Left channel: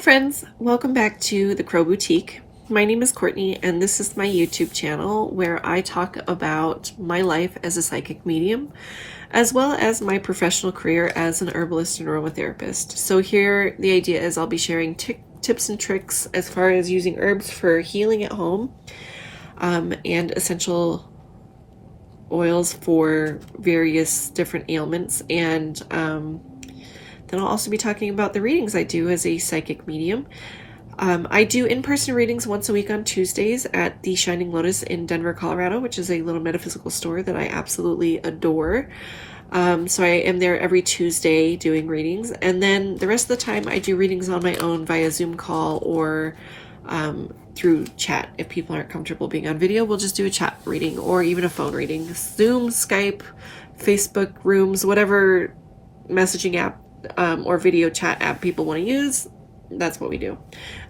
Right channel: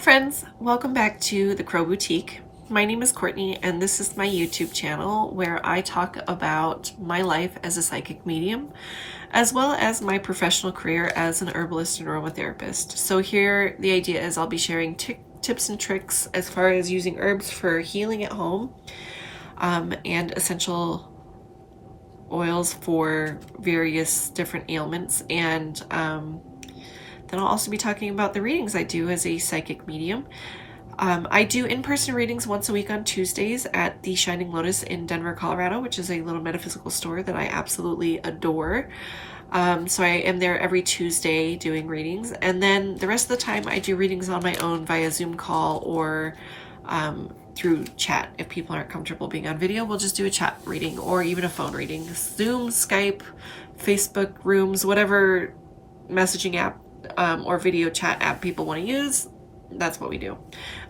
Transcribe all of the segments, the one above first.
friends, welcome back to the Crow Boutique. My name is Courtney and this is my YouTube channel where I talk about my life as a psychic medium as well as my professional career as an herbalist and aromatherapist. So here the idea is I'll be sharing tips and tricks as far as using herbs for healing at home and essential oils for various different ailments, and then I'll also be talking about the readings I do as a psychic medium. I do in-person readings once a week on Tuesdays at the Shining Lotus in Denver, Colorado, which is a little metaphysical store that I absolutely adore. So I am there every Tuesday doing readings. And then the rest of the time I do readings on my own via Zoom call or through chat. If people aren't comfortable being on video, we'll just do a chat reading or even a phone reading. Zoom, Skype, Facebook rooms, whatever messaging app or video chat app people want to use, that's what we do.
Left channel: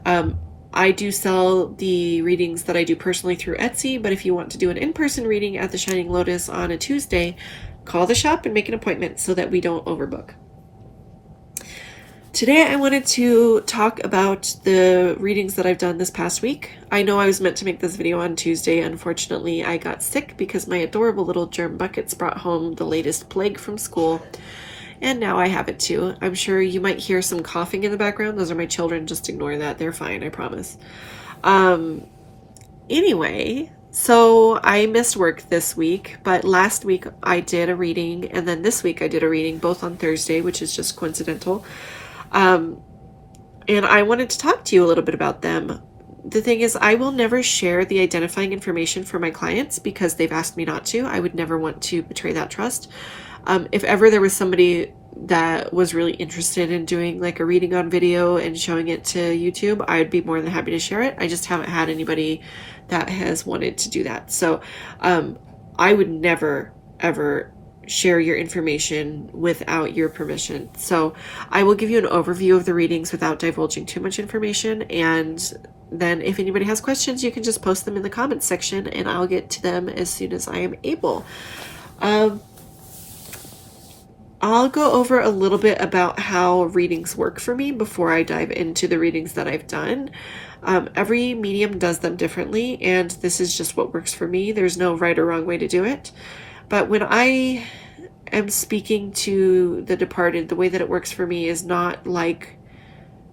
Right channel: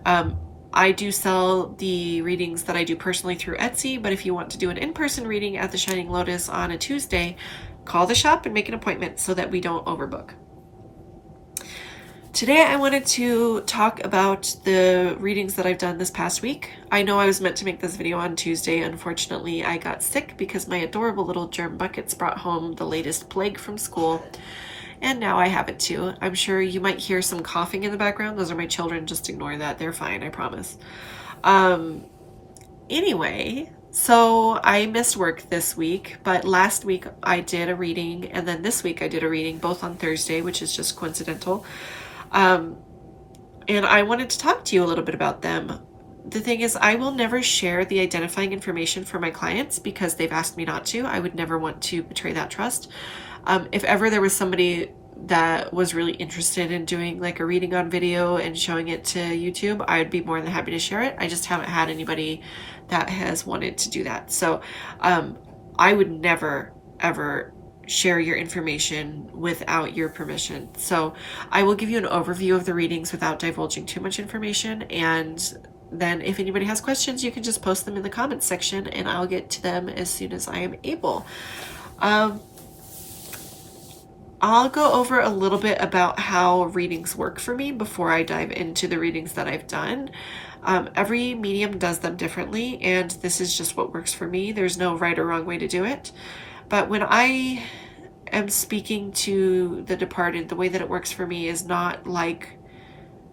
I do sell the readings that I do personally through Etsy, but if you want to do an in-person reading at the Shining Lotus on a Tuesday, call the shop and make an appointment so that we don't overbook. Today I wanted to talk about the readings that I've done this past week. I know I was meant to make this video on Tuesday. Unfortunately, I got sick because my adorable little germ buckets brought home the latest plague from school. And now I have it too. I'm sure you might hear some coughing in the background. Those are my children. Just ignore that. They're fine, I promise. Anyway, so I missed work this week, but last week I did a reading, and then this week I did a reading, both on Thursday, which is just coincidental. And I wanted to talk to you a little bit about them. The thing is, I will never share the identifying information for my clients because they've asked me not to. I would never want to betray that trust. If ever there was somebody that was really interested in doing like a reading on video and showing it to YouTube, I'd be more than happy to share it. I just haven't had anybody that has wanted to do that. So I would never, ever share your information without your permission. So I will give you an overview of the readings without divulging too much information. And then if anybody has questions, you can just post them in the comments section and I'll get to them as soon as I am able. I'll go over a little bit about how readings work for me before I dive into the readings that I've done. Every medium does them differently, and this is just what works for me. There's no right or wrong way to do it. But when I am speaking to the departed, the way that it works for me is not like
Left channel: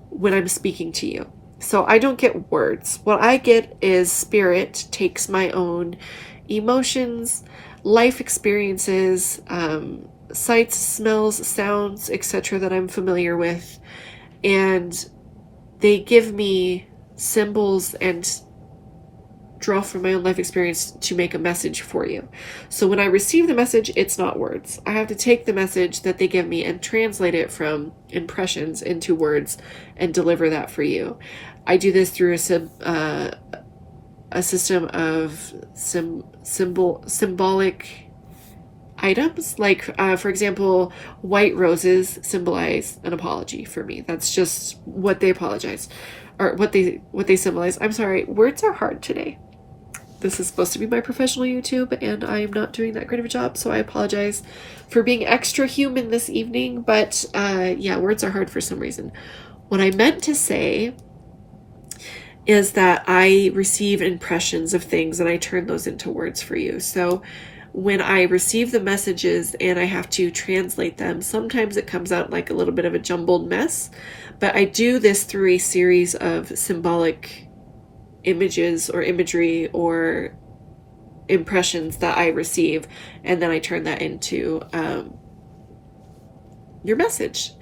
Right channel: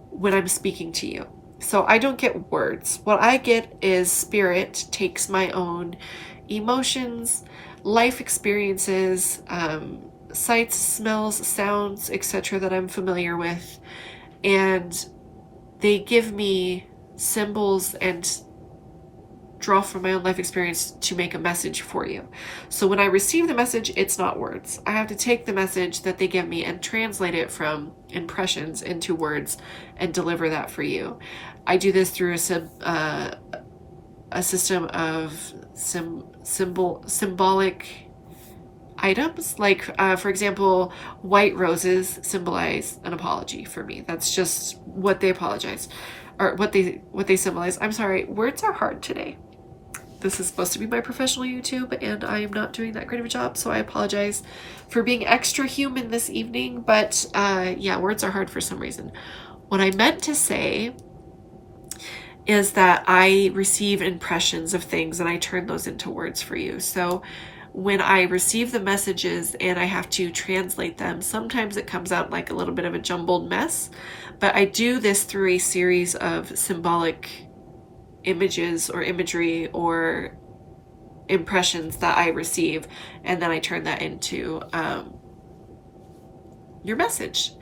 when I'm speaking to you. So I don't get words. What I get is spirit takes my own emotions, life experiences, sights, smells, sounds, etc. that I'm familiar with, and they give me symbols and draw from my own life experience to make a message for you. So when I receive the message, it's not words. I have to take the message that they give me and translate it from impressions into words and deliver that for you. I do this through a system of symbolic items, like for example, white roses symbolize an apology for me. That's just what they apologize, or what they symbolize. I'm sorry, words are hard today. This is supposed to be my professional YouTube and I'm not doing that great of a job, so I apologize for being extra human this evening, but yeah, words are hard for some reason. What I meant to say is that I receive impressions of things and I turn those into words for you. So when I receive the messages and I have to translate them, sometimes it comes out like a little bit of a jumbled mess, but I do this through a series of symbolic images or imagery or impressions that I receive, and then I turn that into your message.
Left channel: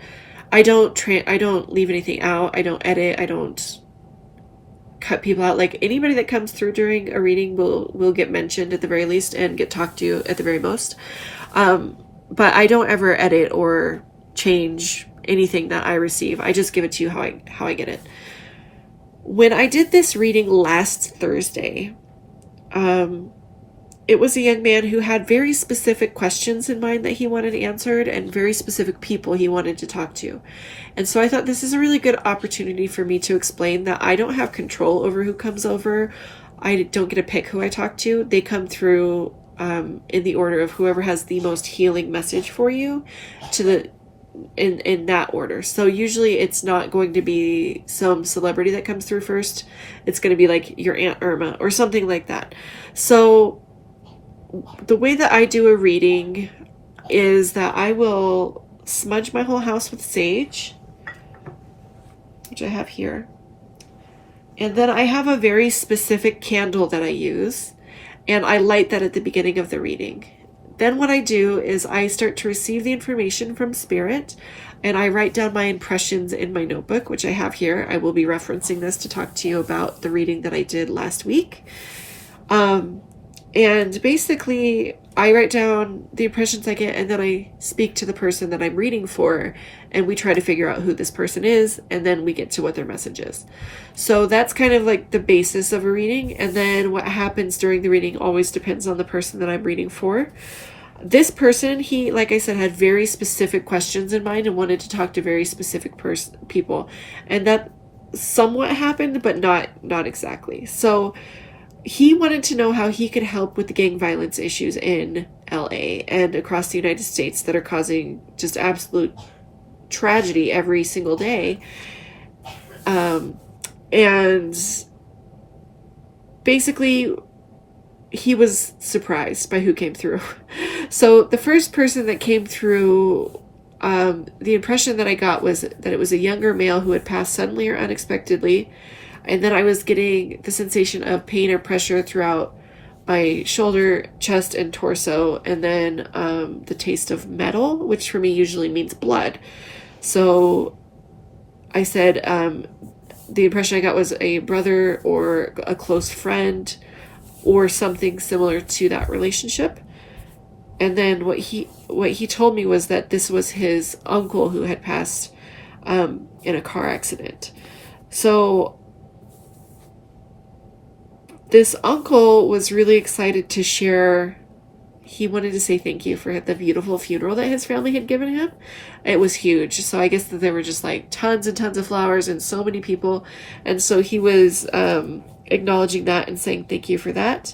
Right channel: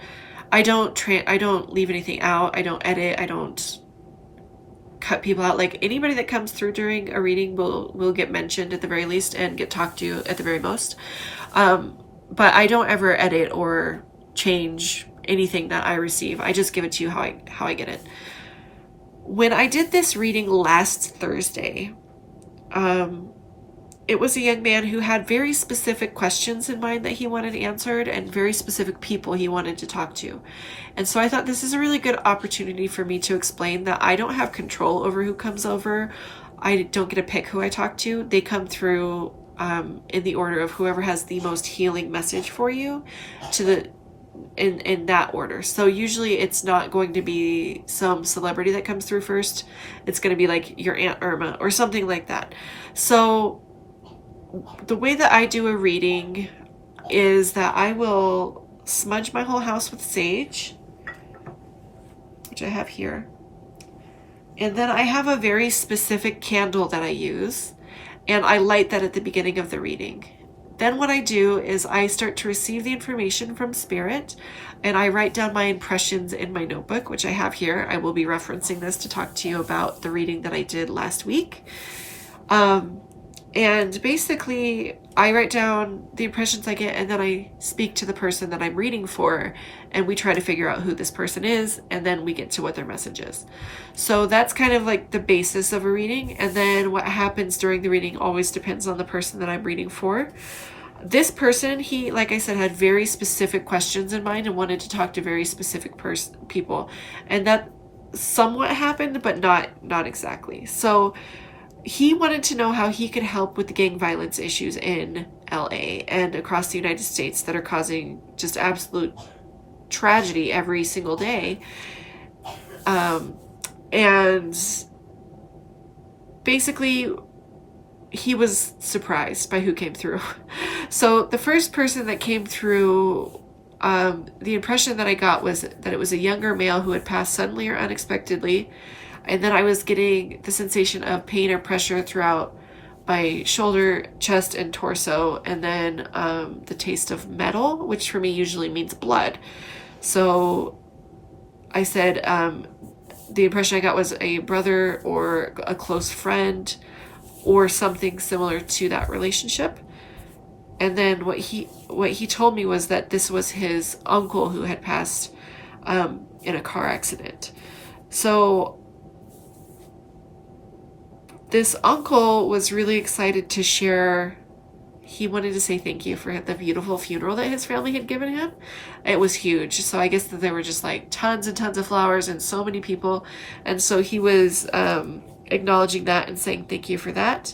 I don't leave anything out. I don't edit. I don't cut people out. Like anybody that comes through during a reading will get mentioned at the very least and get talked to at the very most. But I don't ever edit or change anything that I receive. I just give it to you how I get it. When I did this reading last Thursday, it was a young man who had very specific questions in mind that he wanted answered and very specific people he wanted to talk to. And so I thought this is a really good opportunity for me to explain that I don't have control over who comes over. I don't get to pick who I talk to. They come through in the order of whoever has the most healing message for you to in that order. So usually it's not going to be some celebrity that comes through first. It's going to be like your Aunt Irma or something like that. So the way that I do a reading is that I will smudge my whole house with sage, which I have here. And then I have a very specific candle that I use, and I light that at the beginning of the reading. Then what I do is I start to receive the information from Spirit, and I write down my impressions in my notebook, which I have here. I will be referencing this to talk to you about the reading that I did last week. And basically, I write down the impressions I get, and then I speak to the person that I'm reading for, and we try to figure out who this person is, and then we get to what their message is. So that's kind of like the basis of a reading, and then what happens during the reading always depends on the person that I'm reading for. This person, he, like I said, had very specific questions in mind and wanted to talk to very specific people, and that somewhat happened, but not exactly. So he wanted to know how he could help with the gang violence issues in LA and across the United States that are causing just absolute tragedy every single day. And basically, he was surprised by who came through. So the first person that came through, the impression that I got was that it was a younger male who had passed suddenly or unexpectedly. And then I was getting the sensation of pain or pressure throughout my shoulder, chest, and torso. And then the taste of metal, which for me usually means blood. So I said the impression I got was a brother or a close friend or something similar to that relationship. And then what he told me was that this was his uncle who had passed in a car accident. So this uncle was really excited to share. He wanted to say thank you for the beautiful funeral that his family had given him. It was huge. So I guess that there were just like tons and tons of flowers and so many people. And so he was acknowledging that and saying thank you for that.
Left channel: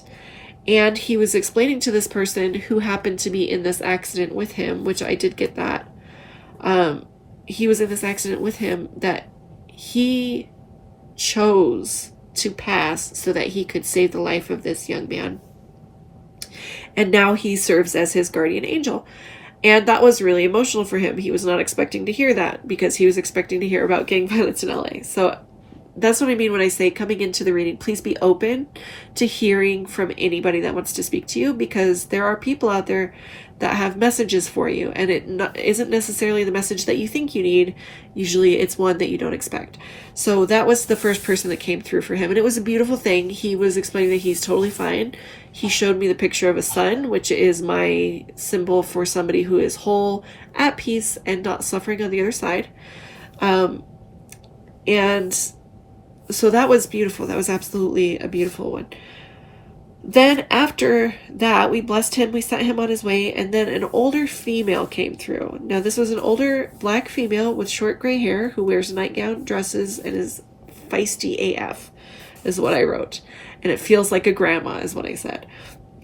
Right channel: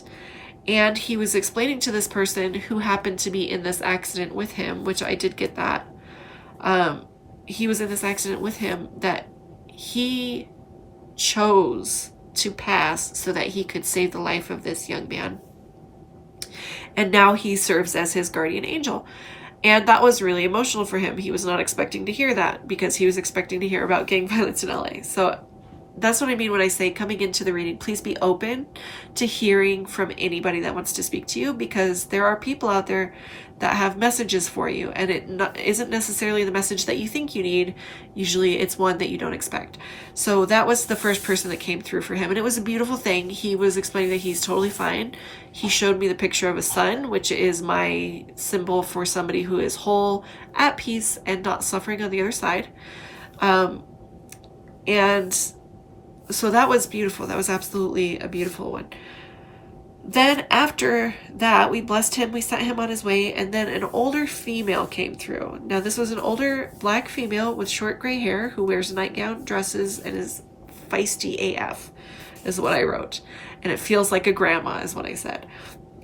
And he was explaining to this person who happened to be in this accident with him, which I did get that. He was in this accident with him that he chose to pass so that he could save the life of this young man. And now he serves as his guardian angel. And that was really emotional for him. He was not expecting to hear that because he was expecting to hear about gang violence in LA. So that's what I mean when I say coming into the reading, please be open to hearing from anybody that wants to speak to you, because there are people out there that have messages for you, and it isn't necessarily the message that you think you need. Usually it's one that you don't expect. So that was the first person that came through for him, and it was a beautiful thing. He was explaining that he's totally fine. He showed me the picture of a sun, which is my symbol for somebody who is whole, at peace, and not suffering on the other side. And so that was beautiful. That was absolutely a beautiful one. Then after that, we blessed him, we sent him on his way, and then an older female came through. Now, this was an older black female with short gray hair who wears nightgown, dresses, and is feisty AF, is what I wrote. And it feels like a grandma, is what I said.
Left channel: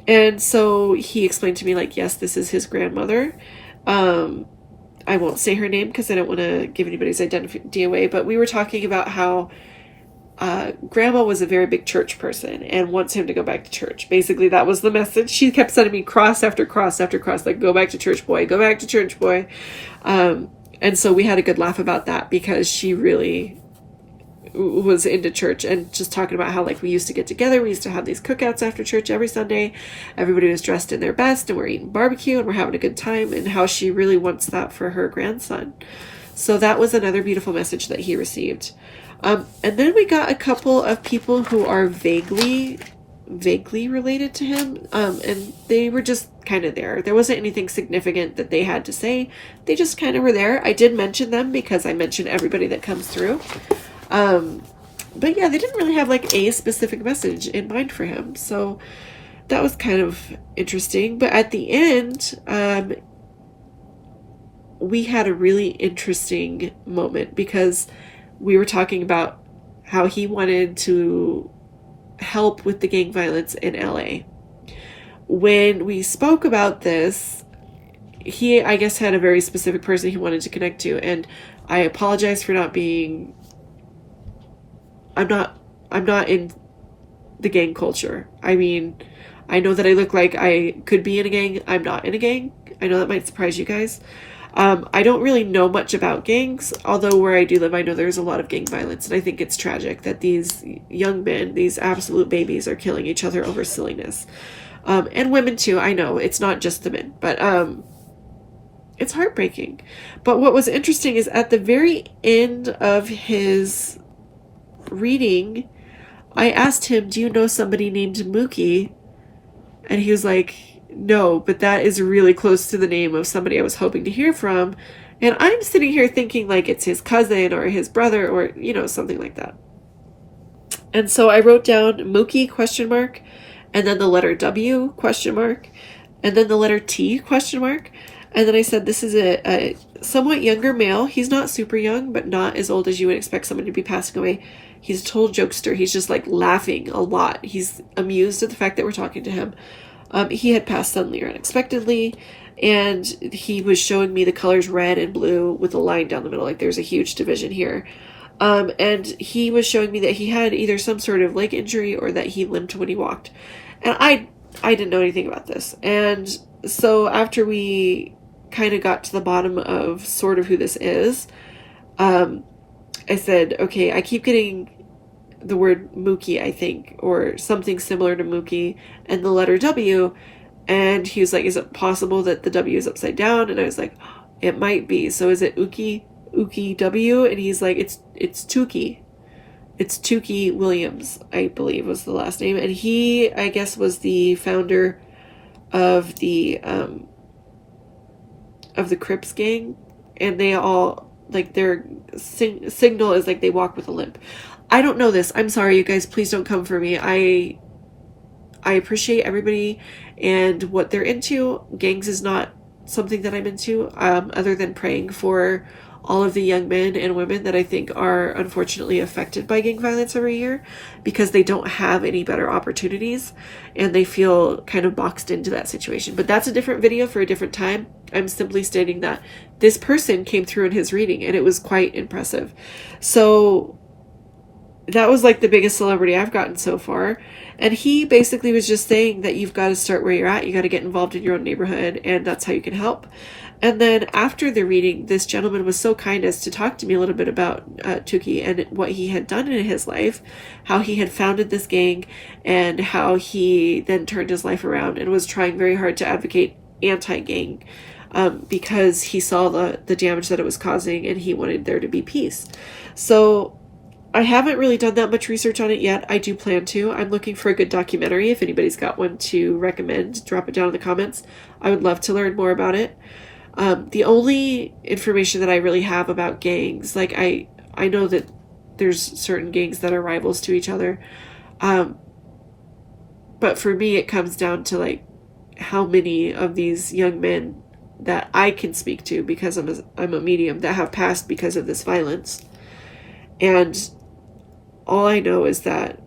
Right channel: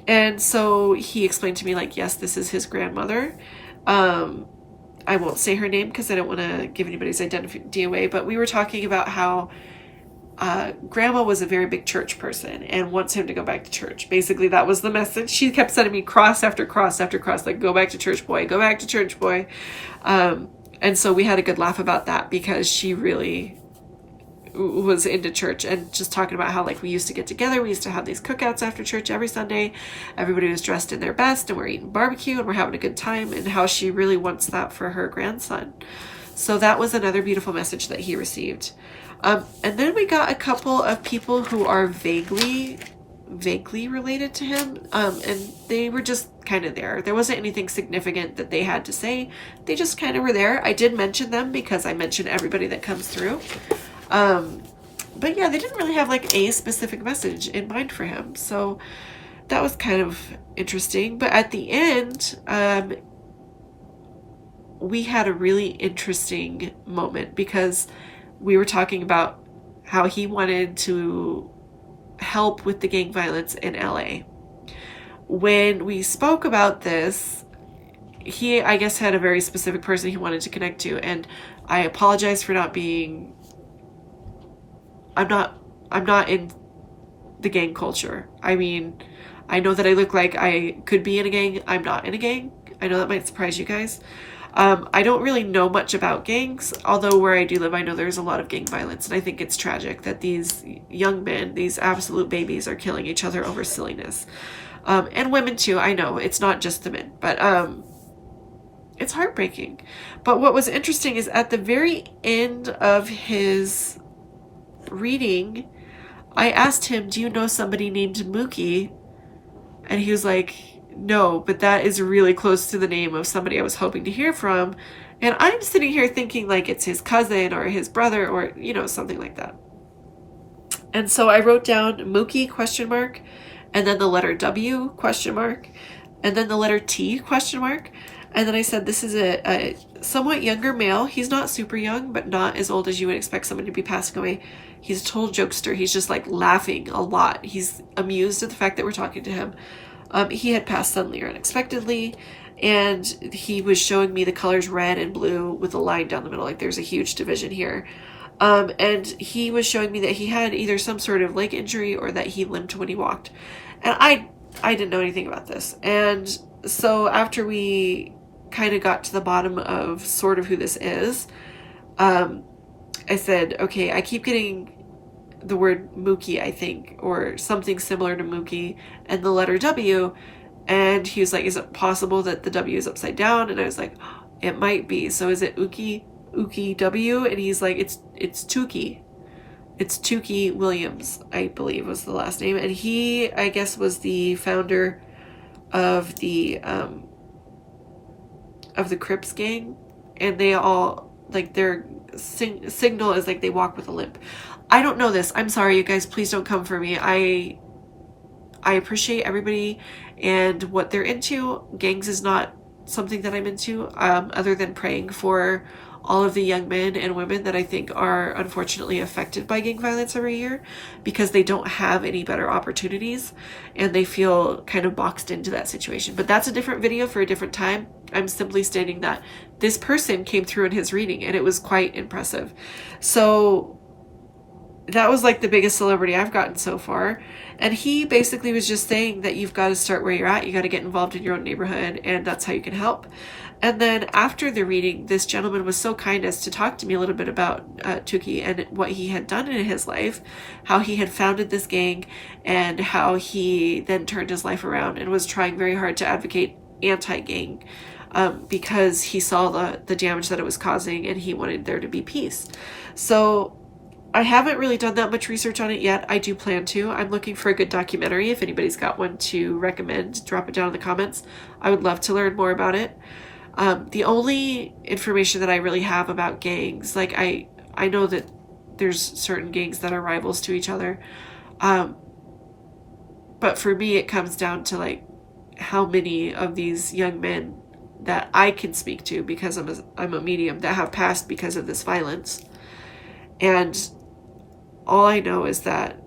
And so he explained to me, like, yes, this is his grandmother. I won't say her name because I don't want to give anybody's identity away, but we were talking about how grandma was a very big church person and wants him to go back to church. Basically, that was the message. She kept sending me cross after cross after cross, like, go back to church, boy, go back to church, boy. And so we had a good laugh about that because she really was into church and just talking about how, like, we used to get together. We used to have these cookouts after church every Sunday. Everybody was dressed in their best and we're eating barbecue and we're having a good time, and how she really wants that for her grandson. So that was another beautiful message that he received. And then we got a couple of people who are vaguely related to him. And they were just kind of there. There wasn't anything significant that they had to say. They just kind of were there. I did mention them because I mentioned everybody that comes through. But yeah, they didn't really have like a specific message in mind for him. So that was kind of interesting. But at the end, we had a really interesting moment because we were talking about how he wanted to help with the gang violence in LA. When we spoke about this, he, I guess, had a very specific person he wanted to connect to, and I apologize for not being, I'm not in the gang culture. I mean, I know that I look like I could be in a gang. I'm not in a gang. I know that might surprise you guys. I don't really know much about gangs, although where I do live, I know there's a lot of gang violence, and I think it's tragic that these young men, these absolute babies, are killing each other over silliness. And women too, I know, it's not just the men, but it's heartbreaking. But what was interesting is at the very end of his reading, I asked him, do you know somebody named Mookie? And he was like, no, but that is really close to the name of somebody I was hoping to hear from. And I'm sitting here thinking like it's his cousin or his brother or, you know, something like that. And so I wrote down Mookie question mark, and then the letter W question mark, and then the letter T question mark. And then I said, this is a somewhat younger male. He's not super young, but not as old as you would expect someone to be passing away. He's a total jokester. He's just like laughing a lot. He's amused at the fact that we're talking to him. He had passed suddenly or unexpectedly, and he was showing me the colors red and blue with a line down the middle. Like there's a huge division here. And he was showing me that he had either some sort of leg injury or that he limped when he walked. And I didn't know anything about this. And so after we kind of got to the bottom of sort of who this is, I said, okay, I keep getting the word Mookie, I think, or something similar to Mookie, and the letter W. And he was like, is it possible that the W is upside down? And I was like, oh, it might be. So is it Uki W? And he's like, it's Tukey. It's Tukey Williams, I believe was the last name. And he, I guess, was the founder of the Crips gang. And they all, like, their signal is like they walk with a limp. I don't know this. I'm sorry, you guys. Please don't come for me. I appreciate everybody and what they're into. Gangs is not something that I'm into, other than praying for all of the young men and women that I think are unfortunately affected by gang violence every year because they don't have any better opportunities and they feel kind of boxed into that situation. But that's a different video for a different time. I'm simply stating that this person came through in his reading and it was quite impressive. So that was like the biggest celebrity I've gotten so far. And he basically was just saying that you've got to start where you're at. You got to get involved in your own neighborhood, and that's how you can help. And then after the reading, this gentleman was so kind as to talk to me a little bit about Tukey and what he had done in his life, how he had founded this gang, and how he then turned his life around and was trying very hard to advocate anti-gang because he saw the damage that it was causing and he wanted there to be peace. So I haven't really done that much research on it yet. I do plan to. I'm looking for a good documentary. If anybody's got one to recommend, drop it down in the comments. I would love to learn more about it. The only information that I really have about gangs, like I know that there's certain gangs that are rivals to each other. But for me, it comes down to like how many of these young men that I can speak to because I'm a medium that have passed because of this violence. And all I know is that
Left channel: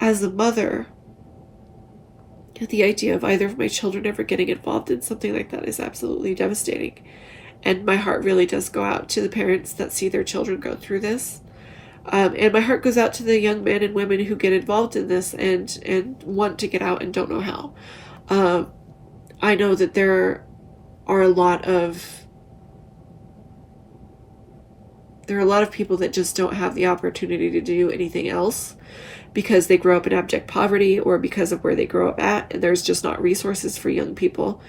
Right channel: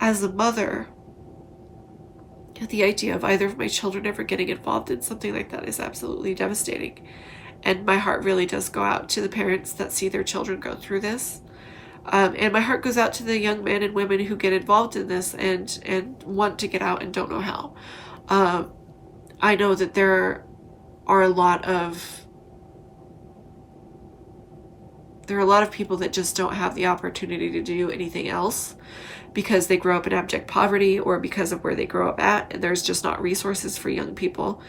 as a mother, the idea of either of my children ever getting involved in something like that is absolutely devastating. And my heart really does go out to the parents that see their children go through this. And my heart goes out to the young men and women who get involved in this and want to get out and don't know how. I know that there are a lot of people that just don't have the opportunity to do anything else because they grow up in abject poverty or because of where they grow up at, and there's just not resources for young people.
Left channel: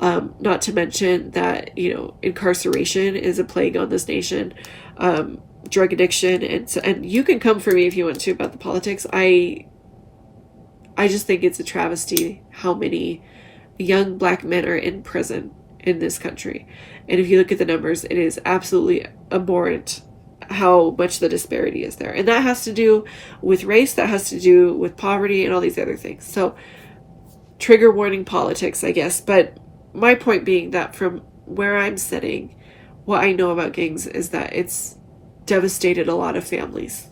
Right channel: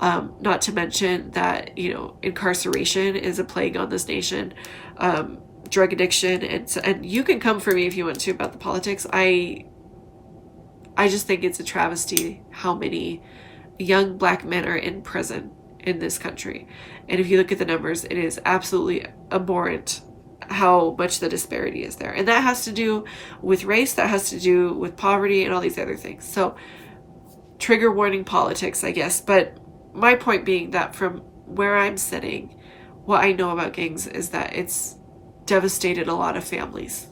Not to mention that, you know, incarceration is a plague on this nation, drug addiction, and you can come for me if you want to about the politics. I just think it's a travesty how many young black men are in prison in this country. And if you look at the numbers, it is absolutely abhorrent how much the disparity is there. And that has to do with race, that has to do with poverty and all these other things. So trigger warning politics, I guess. But my point being that from where I'm sitting, what I know about gangs is that it's devastated a lot of families.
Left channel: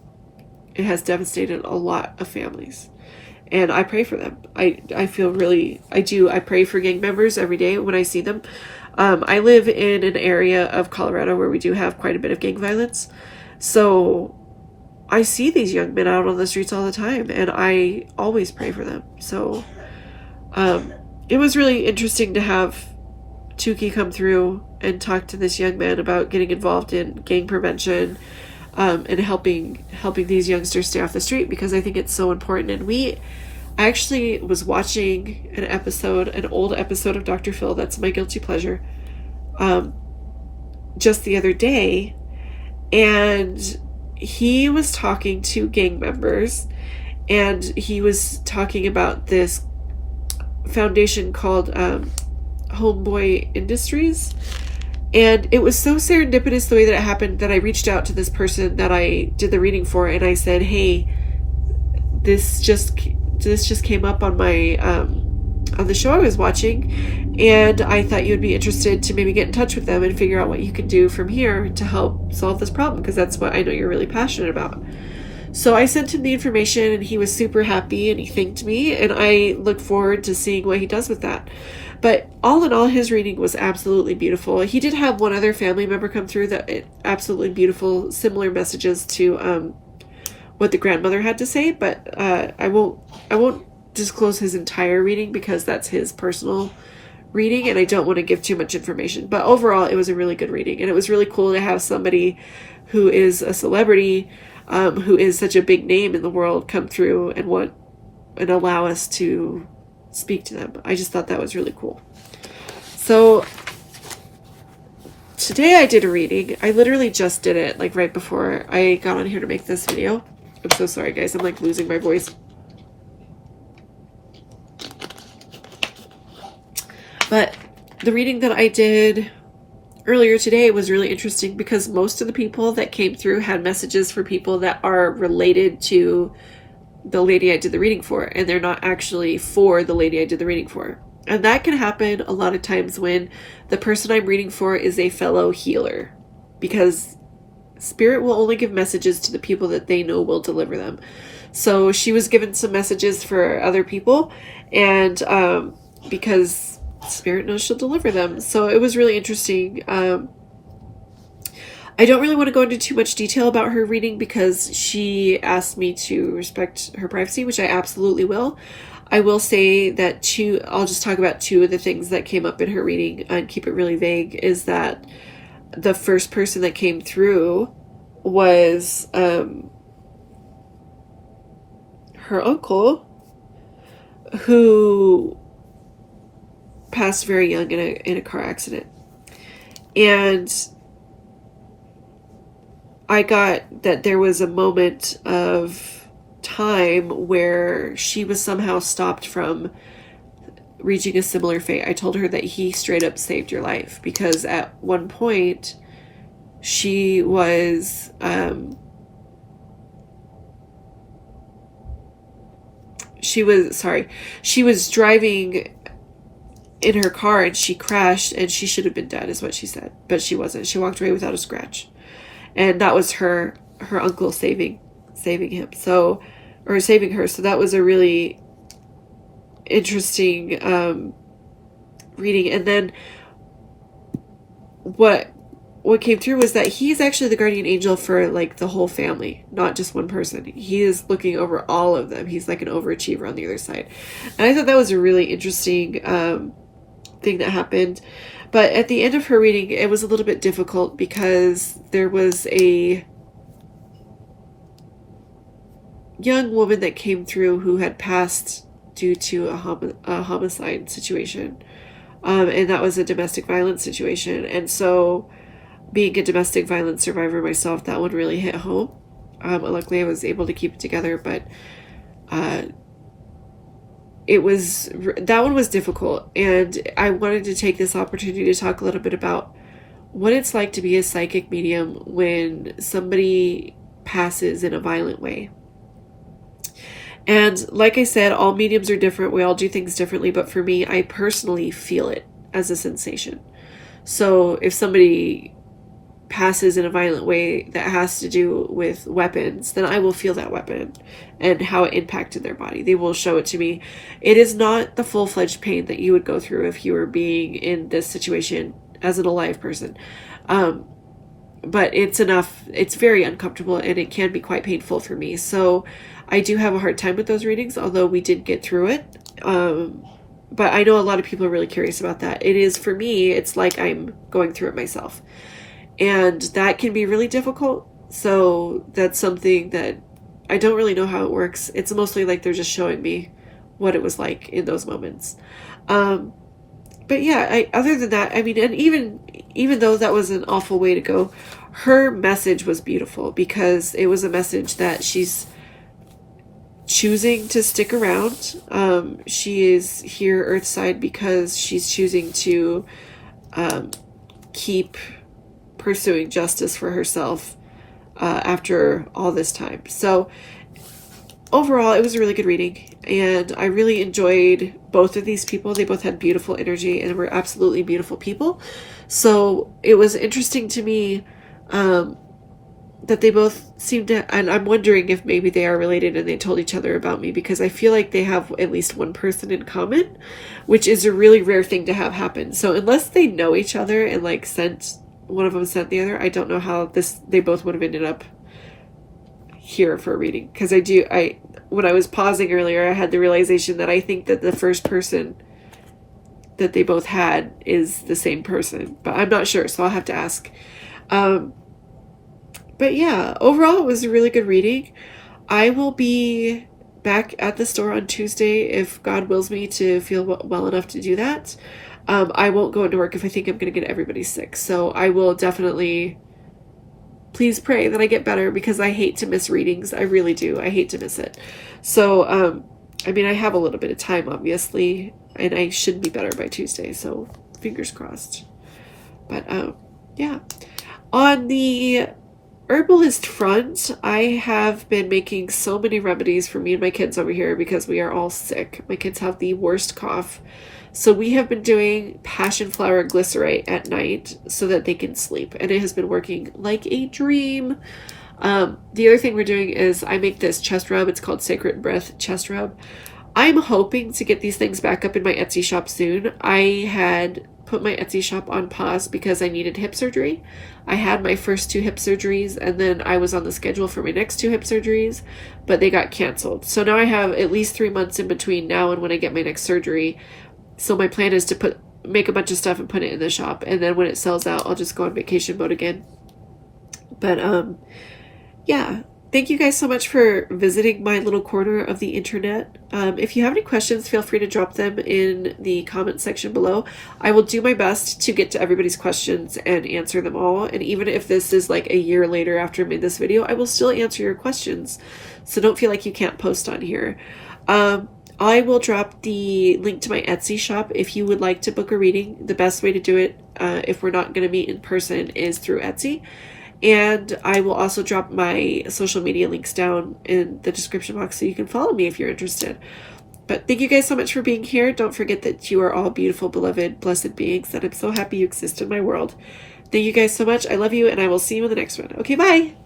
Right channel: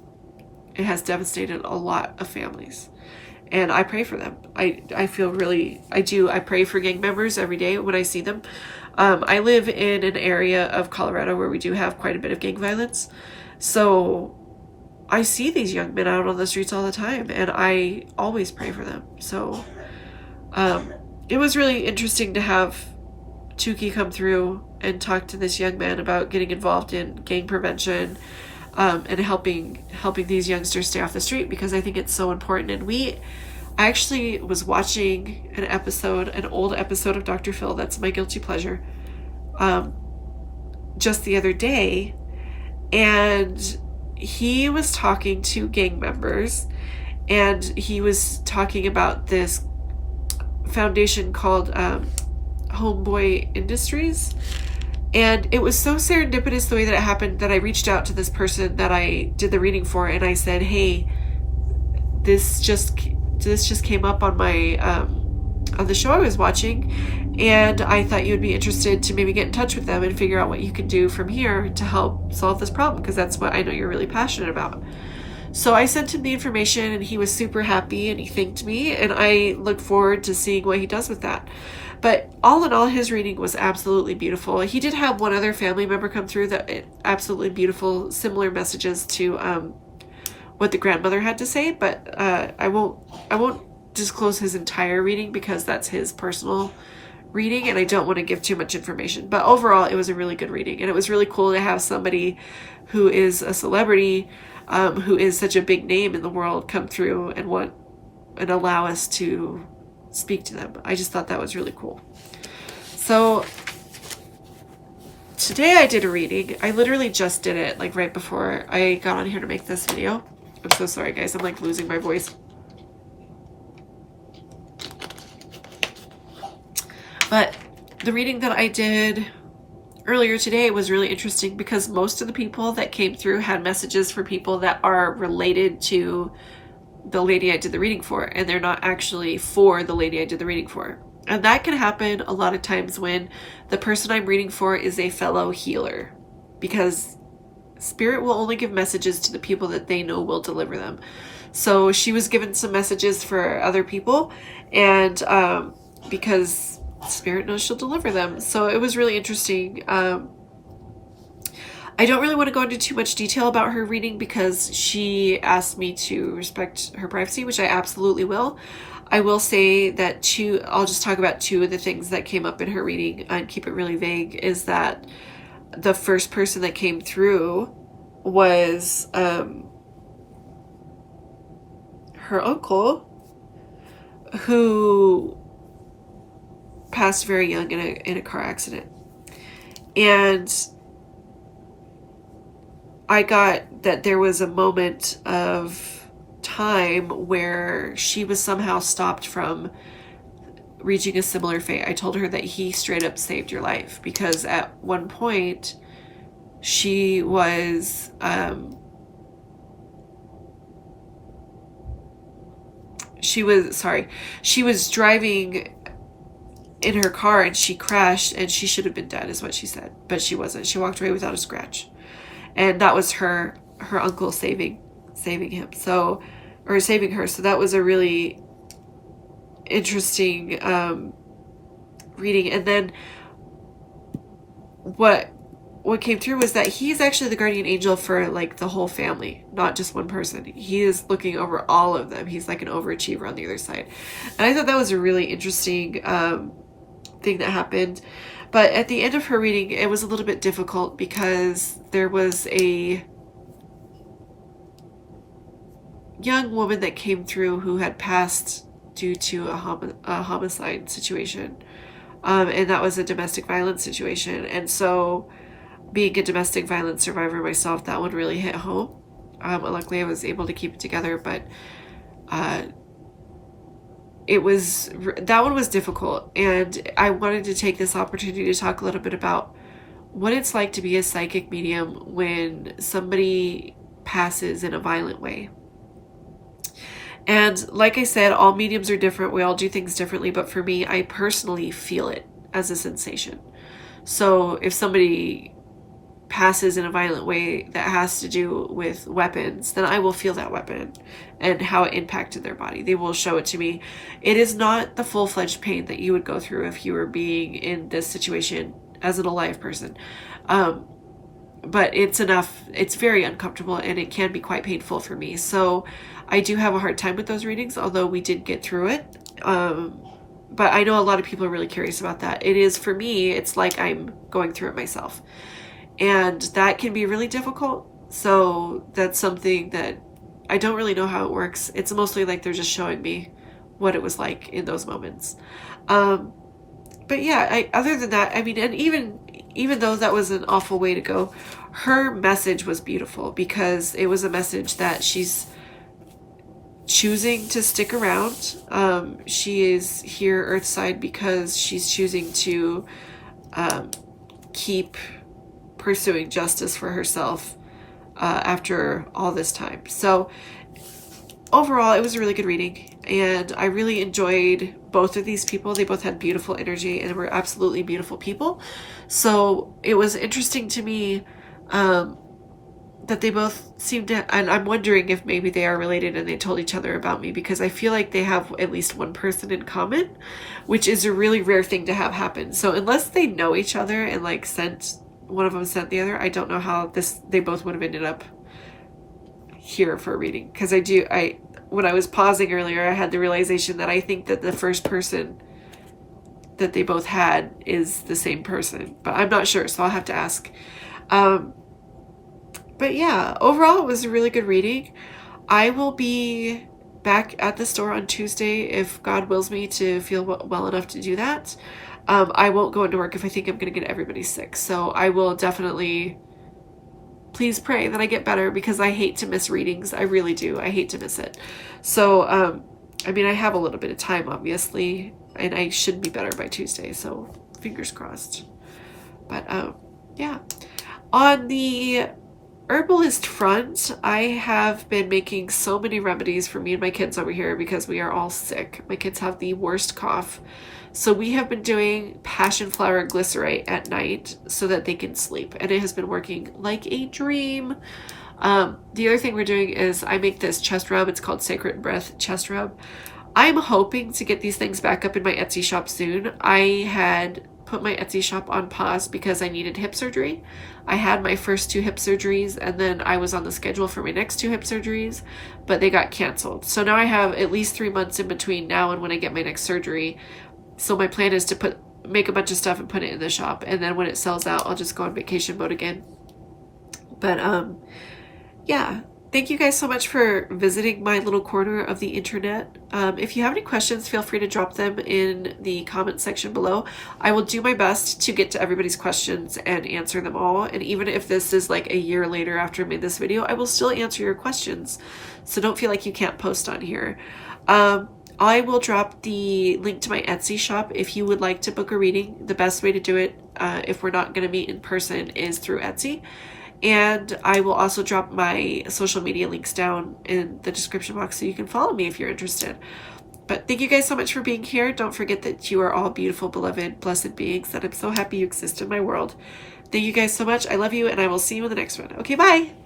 It has devastated a lot of families. and I pray for them. I feel really, I do. I pray for gang members every day when I see them. I live in an area of Colorado where we do have quite a bit of gang violence. So I see these young men out on the streets all the time, and I always pray for them. So it was really interesting to have Tukey come through and talk to this young man about getting involved in gang prevention, and helping these youngsters stay off the street, because I think it's so important. And I actually was watching an old episode of Dr. Phil, that's my guilty pleasure, just the other day, and he was talking to gang members, and he was talking about this foundation called Homeboy Industries. And it was so serendipitous the way that it happened that I reached out to this person that I did the reading for, and I said, hey, this just came up on my on the show I was watching, and I thought you would be interested to maybe get in touch with them and figure out what you can do from here to help solve this problem, because that's what I know you're really passionate about. So I sent him the information, and he was super happy, and he thanked me, and I look forward to seeing what he does with that. But all in all, his reading was absolutely beautiful. He did have one other family member come through that absolutely beautiful, similar messages to what the grandmother had to say. But I won't disclose his entire reading, because that's his personal reading, and I don't want to give too much information. But overall, it was a really good reading, and it was really cool to have somebody who is a celebrity, who is such a big name in the world, come through and allow us to speak to them. I just thought that was really cool. So today I did a reading. I literally just did it like right before I got on here to make this video. I'm so sorry, guys. I'm like losing my voice. But the reading that I did earlier today was really interesting, because most of the people that came through had messages for people that are related to the lady I did the reading for, and they're not actually for the lady I did the reading for. And that can happen a lot of times when the person I'm reading for is a fellow healer, because Spirit will only give messages to the people that they know will deliver them. So she was given some messages for other people, and because Spirit knows she'll deliver them. So it was really interesting. I don't really want to go into too much detail about her reading, because she asked me to respect her privacy, which I absolutely will. I will say that I'll just talk about two of the things that came up in her reading and keep it really vague. Is that the first person that came through was her uncle, who passed very young in a car accident. And I got that there was a moment of time where she was somehow stopped from reaching a similar fate. I told her that he straight up saved your life, because at one point she was she was driving in her car, and she crashed, and she should have been dead is what she said, but she wasn't. She walked away without a scratch. And that was her uncle saving him. So, or saving her. So that was a really interesting reading. And then what came through was that he's actually the guardian angel for like the whole family, not just one person. He is looking over all of them. He's like an overachiever on the other side. And I thought that was a really interesting thing that happened. But at the end of her reading, it was a little bit difficult, because there was a young woman that came through who had passed due to a homicide situation. And that was a domestic violence situation. And so, being a domestic violence survivor myself, that one really hit home. Luckily, I was able to keep it together, but that one was difficult, and I wanted to take this opportunity to talk a little bit about what it's like to be a psychic medium when somebody passes in a violent way. And like I said, all mediums are different. We all do things differently, but for me, I personally feel it as a sensation. So if somebody passes in a violent way that has to do with weapons, then I will feel that weapon and how it impacted their body. They will show it to me. It is not the full-fledged pain that you would go through if you were being in this situation as an alive person. But it's enough. It's very uncomfortable, and it can be quite painful for me. So I do have a hard time with those readings, although we did get through it. But I know a lot of people are really curious about that. It is, for me, it's like I'm going through it myself. And that can be really difficult. So that's something that I don't really know how it works. It's mostly like they're just showing me what it was like in those moments. But yeah, other than that, I mean, and even though that was an awful way to go, her message was beautiful because it was a message that she's choosing to stick around. She is here Earthside because she's choosing to keep pursuing justice for herself after all this time. So overall, it was a really good reading, and I really enjoyed both of these people. They both had beautiful energy and were absolutely beautiful people. So it was interesting to me that they both seemed to, and I'm wondering if maybe they are related and they told each other about me, because I feel like they have at least one person in common, which is a really rare thing to have happen. So unless they know each other and like one of them sent the other, I don't know how they both would have ended up here for a reading. Because when I was pausing earlier, I had the realization that I think that the first person that they both had is the same person, but I'm not sure, so I'll have to ask. But yeah, overall, it was a really good reading. I will be back at the store on Tuesday if God wills me to feel well enough to do that. I won't go into work if I think I'm going to get everybody sick. So I will definitely, please pray that I get better, because I hate to miss readings. I really do. I hate to miss it. So, I mean, I have a little bit of time, obviously, and I should be better by Tuesday. So fingers crossed. But yeah, on the herbalist front, I have been making so many remedies for me and my kids over here because we are all sick. My kids have the worst cough. So we have been doing passion flower glycerite at night so that they can sleep. And it has been working like a dream. The other thing we're doing is I make this chest rub. It's called Sacred Breath Chest Rub. I'm hoping to get these things back up in my Etsy shop soon. I had put my Etsy shop on pause because I needed hip surgery. I had my first 2 hip surgeries, and then I was on the schedule for my next 2 hip surgeries, but they got canceled. So now I have at least 3 months in between now and when I get my next surgery. So my plan is to make a bunch of stuff and put it in the shop, and then when it sells out, I'll just go on vacation mode again. But yeah, thank you guys so much for visiting my little corner of the internet. If you have any questions, feel free to drop them in the comment section below. I will do my best to get to everybody's questions and answer them all. And even if this is like a year later after I made this video, I will still answer your questions. So don't feel like you can't post on here. I will drop the link to my Etsy shop if you would like to book a reading. The best way to do it, if we're not going to meet in person, is through Etsy. And I will also drop my social media links down in the description box so you can follow me if you're interested. But thank you guys so much for being here. Don't forget that you are all beautiful, beloved, blessed beings, and I'm so happy you exist in my world. Thank you guys so much. I love you, and I will see you in the next one. Okay, bye!